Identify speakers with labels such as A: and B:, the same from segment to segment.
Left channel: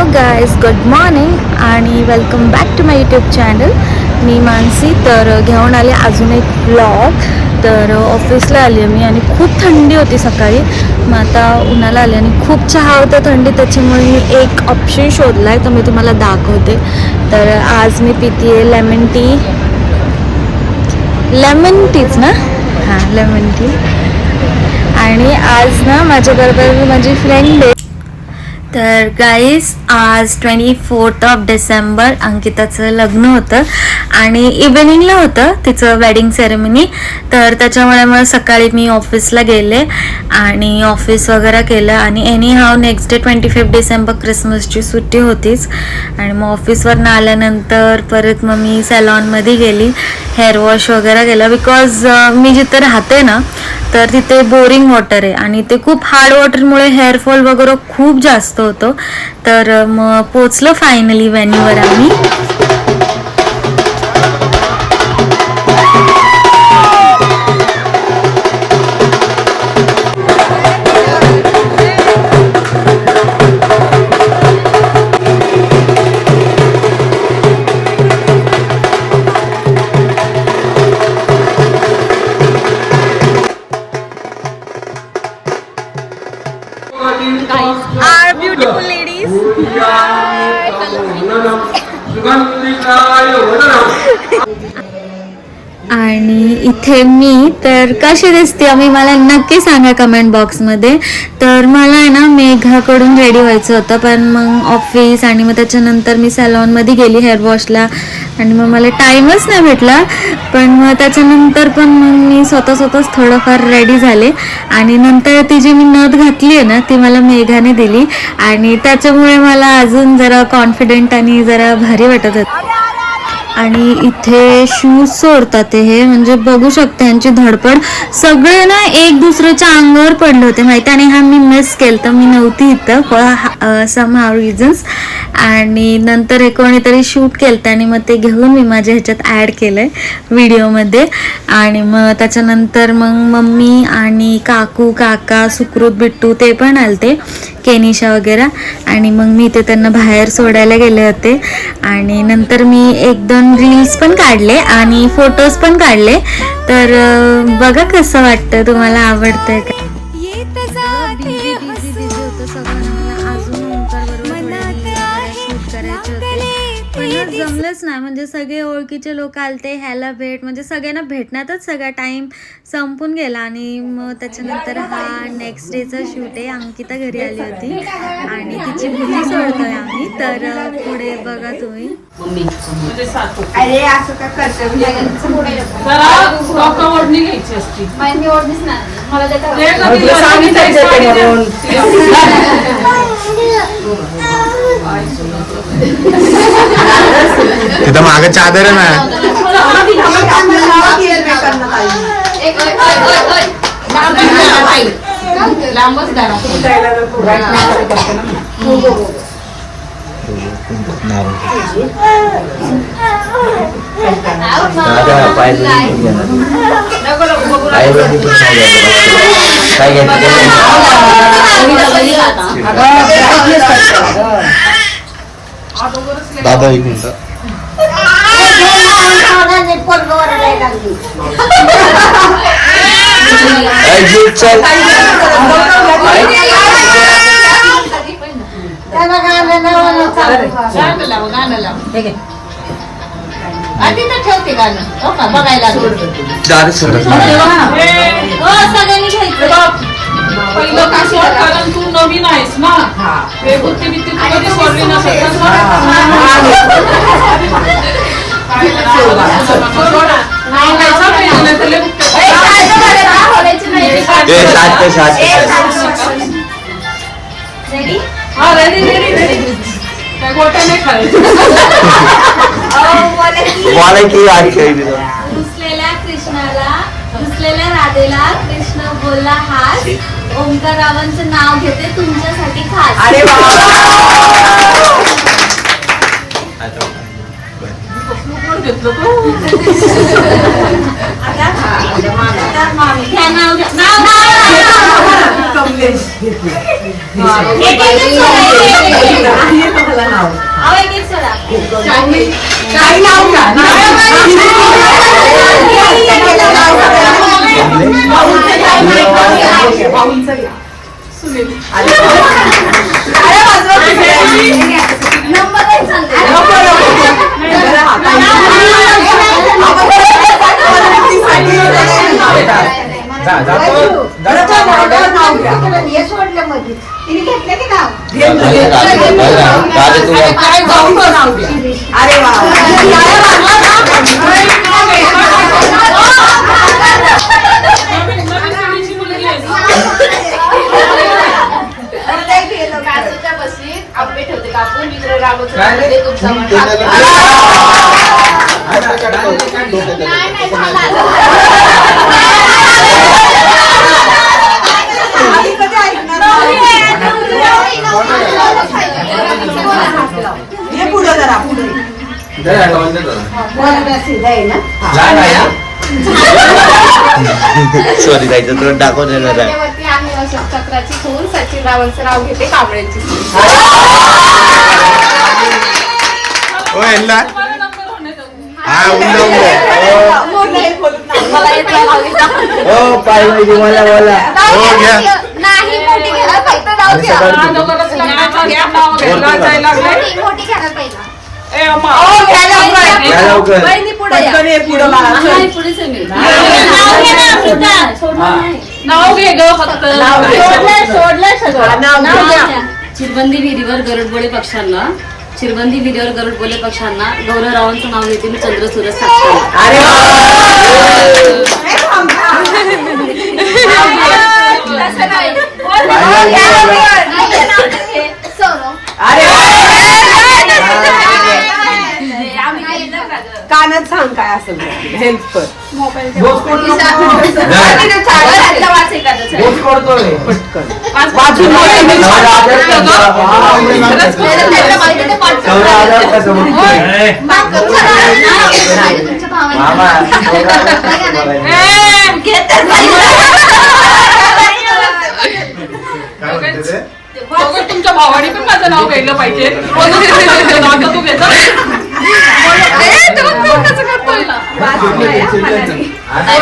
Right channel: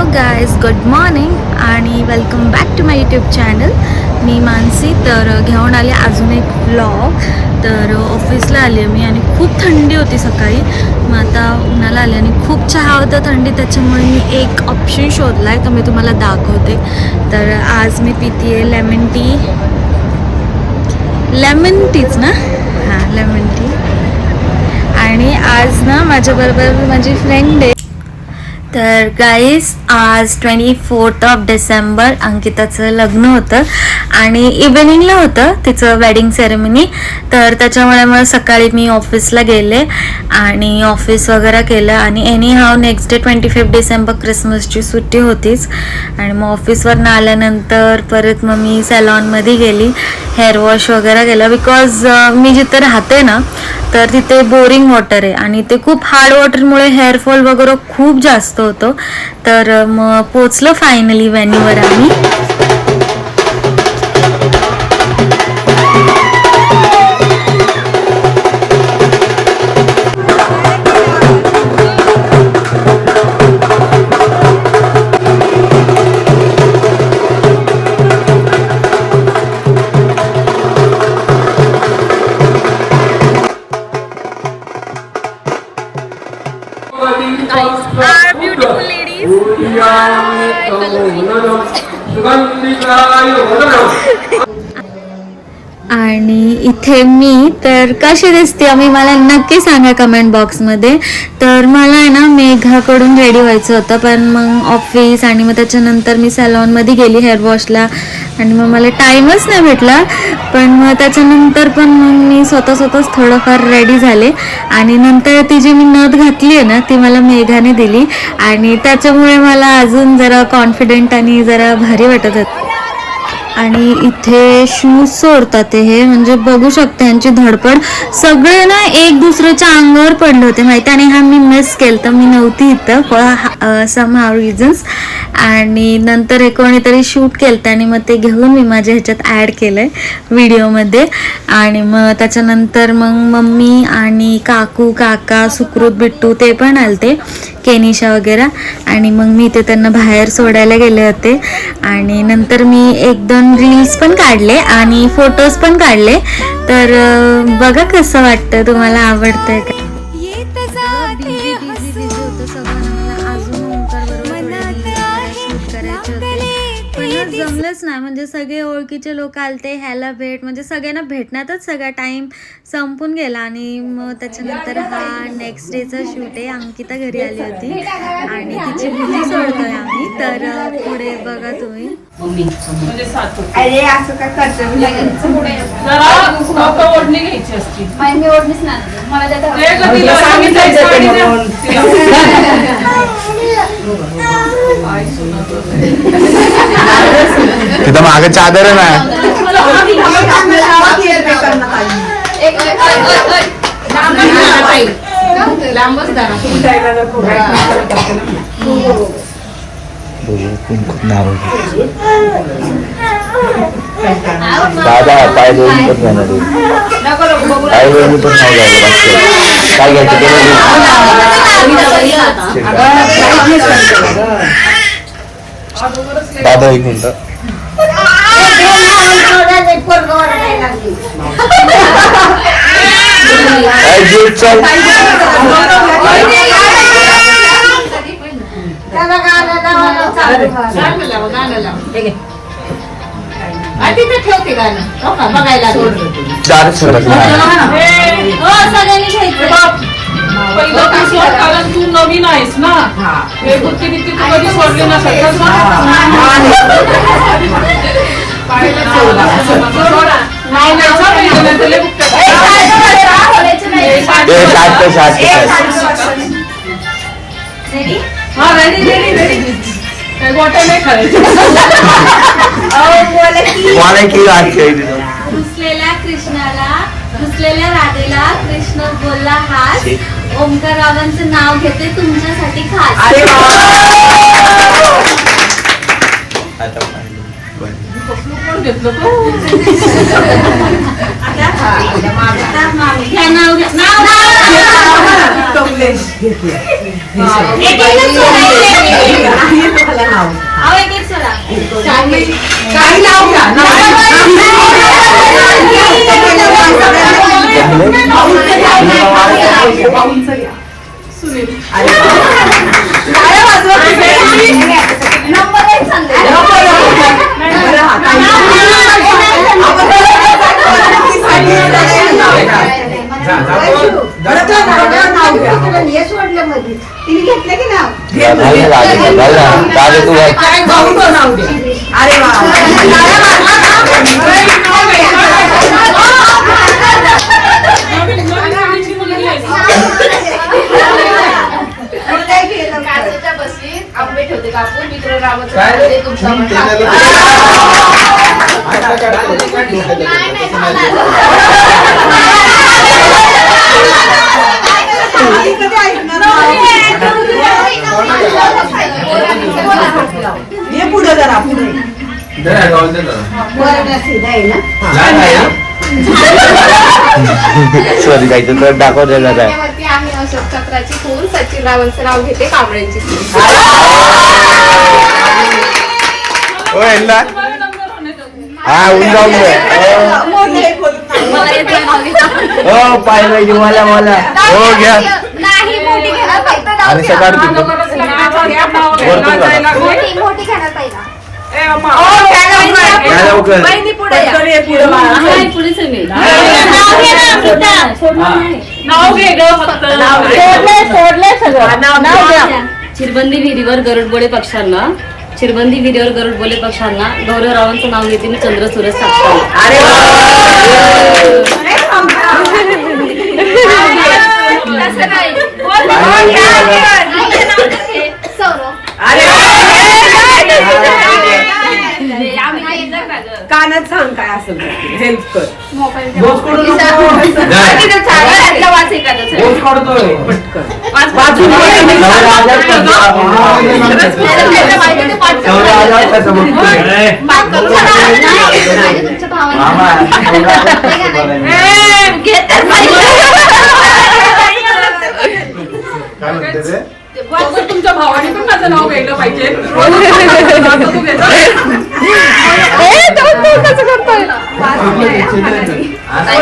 A: Hello guys good morning आणि welcome back to my YouTube channel मी मानसी. तर घेऊन आले अजून एक ब्लॉग तर ऑफिसला आली आहे मी आणि खूप थंडी होती सकाळी. मग आता उन्हाला आली आणि खूप चहा होता थंडी त्याच्यामुळे मी एक ऑप्शन शोधला आहे तर मी तुम्हाला दाखवते. तर आज मी पिते आहे लेमन टी लेमन टीच ना? हां लेमन टी आणि आज ना माझ्याबरोबर माझी फ्रेंड आहे. तर गाईस आज ट्वेंटी फोर्थ ऑफ डिसेंबर अंकिताचं लग्न होतं आणि इव्हिनिंगला होतं तिचं वेडिंग सेरेमनी तर त्याच्यामुळे मग सकाळी मी ऑफिसला गेले आणि ऑफिस वगैरे केलं आणि anyhow next day twenty fifth December क्रिसमसची सुट्टी होतीच. आणि मग ऑफिसवरनं आल्यानंतर परत मग मी सॅलॉनमध्ये गेली हेअर वॉश वगैरे केलं बिकॉज मी जिथं राहते ना तर तिथे बोरिंग वॉटर आहे. आणि ते खूप हार्ड वॉटरमुळे हेअरफॉल वगैरे खूप जास्त होतो. तर मग पोचलो फायनली व्हॅन्यूवर आम्ही. సుగంధికాయ వదనం. आणि इथे मी तर कशी दिसते? मी मला नक्की सांगा कमेंट बॉक्समध्ये तर मला आहे ना मेघाकडून रेडी व्हायचं होतं पण मग ऑफिस आणि मग त्याच्यानंतर मी सॅलॉनमध्ये गेली हेअर वॉशला आणि मग मला टाईमच नाही भेटला. पण मग त्याच्यानंतर पण मग मी स्वतः स्वतःच थोडंफार रेडी झाले. आणि नंतर ती जी मी नथ घातली आहे ना ती मला मेघाने दिली. आणि त्याच्यामुळे मला अजून जरा कॉन्फिडेंट आणि जरा भारी वाटत होतं. आणि इथे शूज सोडतात हे. म्हणजे बघू शकते यांची धडपड. सगळे ना एक दुसऱ्याच्या अंगावर पडले होते. माहिती आणि हा मी मिस केलं तर मी नव्हती इथं फॉर सम हाव रिझन्स आणि नंतर हे कोणीतरी शूट केलं आणि मग ते घेऊन मी माझ्या ह्याच्यात ॲड केलं आहे व्हिडिओमध्ये. आणि मग त्याच्यानंतर मग मम्मी आणि काकू काका सुकृत बिट्टू ते पण आलते केनिशा वगैरे. आणि मग मी ते त्यांना बाहेर सोडायला गेले होते. आणि नंतर मी एक दोन रील्स पण काढले आणि फोटोज पण काढले. तर बघा कसं वाटतं तुम्हाला आवडतंय का? पण जमलंच नाही. म्हणजे सगळे ओळखीचे लोक आलते ह्याला भेट म्हणजे सगळ्यांना भेटण्यातच सगळा टाइम संपून गेला. आणि मग त्याच्यानंतर हा नेक्स्ट डेचा शूट आहे. अंकिता घरी आली होती. आणि तिची भूती सोडतोय आम्ही. तर पुढे बघा तुम्ही.
B: अरे असं का करतो?
C: ओढणी घ्यायची असती.
B: मला
D: तिथं माग चादर आहे दादा पाय पण घेणार. पण नाही घ्यायला काय घ्यायचं ते दादा एक मिनिट
B: ठेवते गाणं. हो का? बघायला
D: दार सरक नाही.
B: सगळ्यांनी घ्यायचं.
C: बाप, पहिलं तू सोड, कारण तू नवीन आहेस ना? वेगुती तू कधी सोडली नाही. हा. रेडी रेडी रेडी गोट्या नाही खायचं.
A: घुसलेल्या कृष्णाला घुसलेल्या राधेला कृष्ण बोलला हास ओंकारावांचं नाव घेते तुमच्यासाठी खास.
B: अरे
C: कोण घेतलं तो
A: घ्या नाव घ्या नाव नाव
B: कमलेश
A: एक एकच सोडायचं.
B: काही नाव घ्या
C: सुनील काय भाऊचं नाव द्या नवीन नवीन मुलीची मुलगी आहे ना?
B: काचेच्या बशीत आंबे ठेवते कापून विक्र रामचंद्र तुमचा म्हणा नाही नाही झाला
E: पुढे जरा पुढे
D: शोधायचं तर दाखवतो.
B: वरती आहे अशोक चक्राची खून सचिन रावांचं नाव घेते कांबळ्यांची खून.
D: ओ यांना. हा. हो पाहिजे मला बोला हो घ्या.
B: नाही मोठी घ्यायला पाहिजे
D: आणि सकाळी
C: दोघांनाच नाव घ्या.
B: मोठी मोठी घ्यायला पाहिजे
C: नाव घे ग फक्त.
F: चिरबंदी विहिरीवर गरुडबोळे पक्षांना. चिरबंदी विहिरीवर गरुडबोळे पक्षांना. गौरवरावांचं नाव घेते मी चंद्र सूरज साक्षाला
C: तुमच्या भावाने. पण माझं नाव घ्यायला पाहिजे.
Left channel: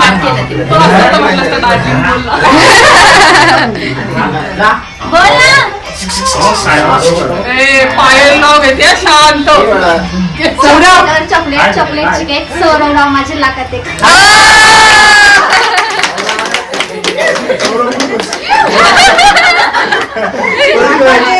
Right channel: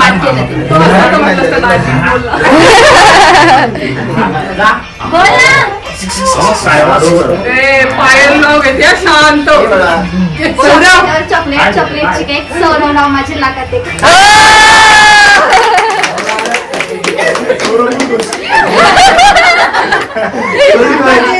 C: माझं तू घेतो तुला स्वतः म्हटलं का दाजी? बोल. ए, पायल नाव घेते शांत.
B: चॉकलेट चॉकलेटची केक सौरव रामाची लाखात एक.
E: एक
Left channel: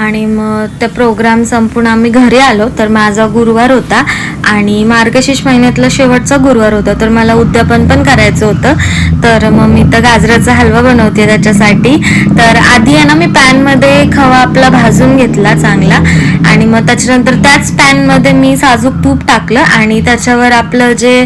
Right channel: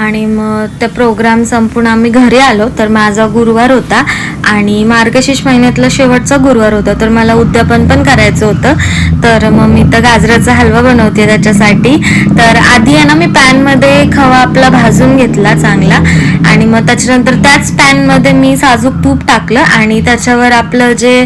A: आणि मग त्या प्रोग्राम संपून आम्ही घरी आलो तर माझा गुरुवार होता आणि मार्गशीर्ष महिन्यातला शेवटचा गुरुवार होता तर मला उद्यापन पण करायचं होतं. तर मग मी तर गाजराचा हलवा बनवते त्याच्यासाठी. तर आधी आहे ना मी पॅनमध्ये खवा आपला भाजून घेतला चांगला आणि मग त्याच्यानंतर त्याच पॅनमध्ये मी साजूक तूप टाकलं आणि त्याच्यावर आपलं जे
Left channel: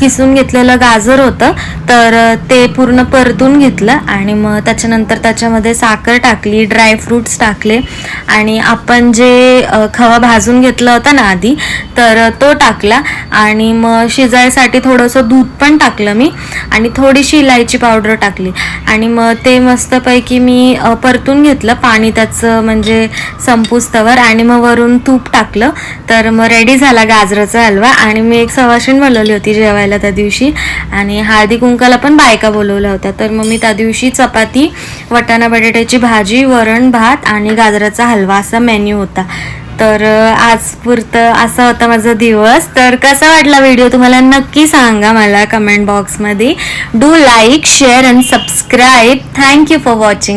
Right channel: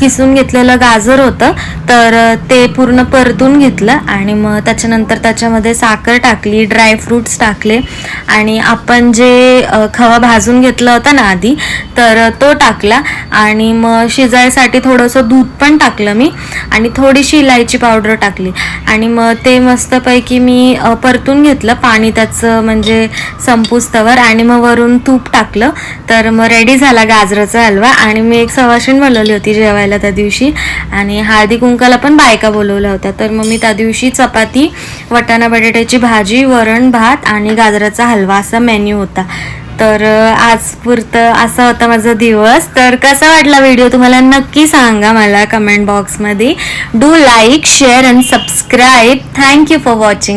A: किसून घेतलेलं गाजर होतं तर ते पूर्ण परतून घेतलं आणि मग त्याच्यानंतर त्याच्यामध्ये साखर टाकली ड्रायफ्रुट्स टाकले. आणि आपण जे खवा भाजून घेतला होता ना आधी तर तो टाकला. आणि मग शिजायसाठी थोडंसं दूध पण टाकलं मी. आणि थोडीशी इलायची पावडर टाकली. आणि मग ते मस्तपैकी मी परतून घेतलं. पाणी त्याचं म्हणजे संपुस्तवर. आणि मग वरून तूप टाकलं. तर मग रेडी झाला गाजराचा हलवा. आणि मी एक सवाशीण बोलवली होती जेवायला त्या दिवशी. आणि हळदी कुंकाला पण बायका बोलवल्या होत्या. तर मग मी त्या दिवशी चपाती वटाणा बटाट्याची भाजी वरण भात आणि गाजरा गाजराचा हलवा असा मेन्यू होता. तर आजपुरतं आज पुरतं असा होता माझा दिवस. तर कसा वाटला व्हिडिओ तुम्हाला नक्की सांगा मला कमेंट बॉक्समध्ये do like share and subscribe thank you for watching